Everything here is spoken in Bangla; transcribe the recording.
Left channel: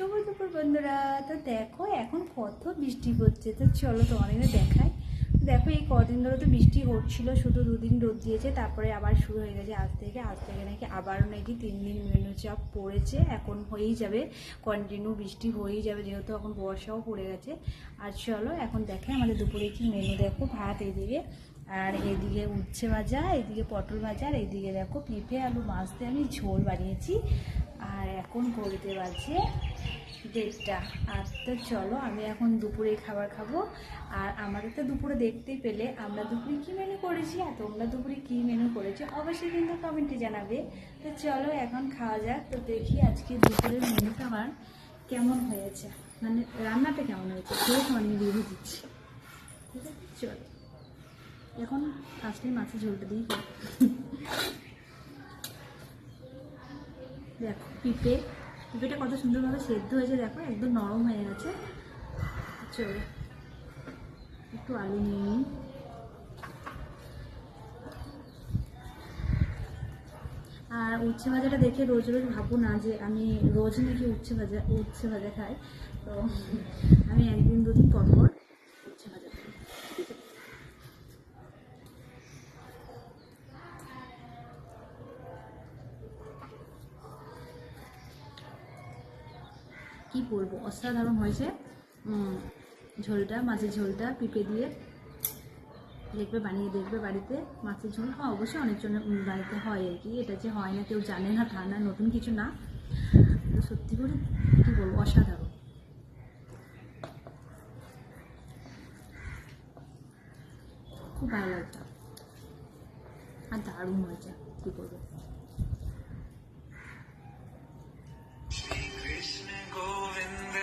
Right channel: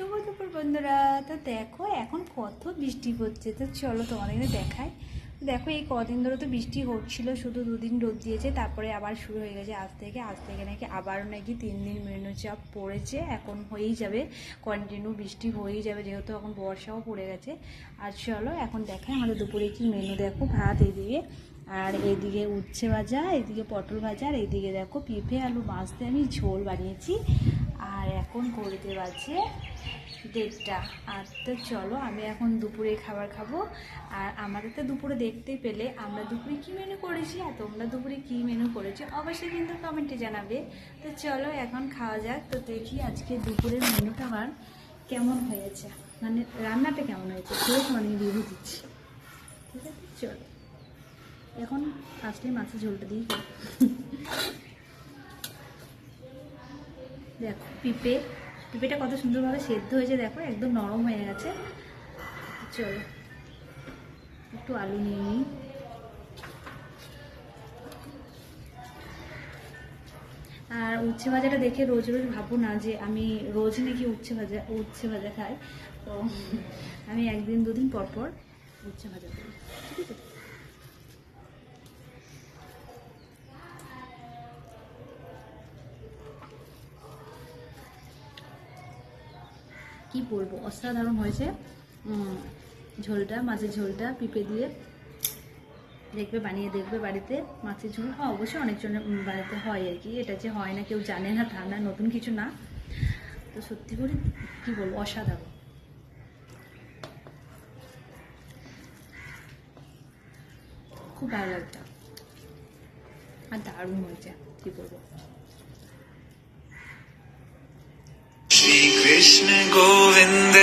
শুভ দুপুর বন্ধুরা। তো দেখো এখন কত বৃষ্টি পড়ছে, তো চলো তোমাদের দেখাই। দেখো এই কদিন ধরে তো বৃষ্টি হচ্ছিল, শুধু দুদিন রোদ দিয়েছে, তারপরে আবার শুরু হয়ে গেছে আজ থেকে নাকি আবারও নাকি 3 দিন নিম্নচাপ পড়েছে। এখন হয়েই যাবে, কন্টিনিউ বৃষ্টি হয়েই যাবে, যেহেতু এখন বর্ষাও পড়ে গেছে। আর চলো এখন দেখাই আমাদের দুপুরে কি মেনু। দেখো ভাত এইদিকে, আর এইদিকে উচ্ছে ভাজা, এইদিকে পটল ভাজা, আর এইদিকে দেখো পেঁপে আলু মাছ দিয়ে আমি ঝোল বানিয়েছি। আর এখন করতে বাজে 1:30। আর তো চলো আমি এখন দুপুরে খাবার খাবো। আর আমাদের তো দুপুরে দেখতেই পেলে আমরা দুপুরে কী মেনু করেছি, আর তোমরা দুপুরে কী মেনু করেছি অবশ্যই কিন্তু কমেন্টে জানাবে। তো চলো এখন খাওয়া যাক। তো দেখি আজকে দুপুরের মেনুটা আমার কেমন হয়েছে, মানে রান্নাটা কেমন হয়েছে সেটা আমি দিয়ে দিচ্ছি। ঠিক আছে, চলো এখন আজকে মাছের ঝোলটা দিই। দেখো পেঁপেটা কত সুন্দরভাবে সেদ্ধ হয়েছে, দেখো একদম নরম হয়ে গেছে। চলো একটু আলু নিয়ে নিই। আর উচ্ছে ভাজাটা দেখে রোজ রোজ ভাবো না যে আমি রোজ নাকি উচ্ছে ভাজা খাই। তো আমি একদিন দুদিন পর পর উচ্ছে ভাজা করি, ঠিক আছে। কি বলবো, অসাধারণ হয়েছে ঝোলটা, মাছের ঝোলটা পেঁপে দিয়ে। দেখবে, বানিয়ে দেখবে বাড়িতে মাছের ঝোল। হ্যাঁ অবশ্যই অনেকজনের বাড়িতে হয় আর কি, এটা যে হয় না কেউ জানে না তা না, নতুন কিছু না। তো সত্যি করে কী বলবো, অসাধারণ, খুব ভালো লাগতো আর দারুণ হয়েছে, কী বলবো। श्री कृष्ण गोविंद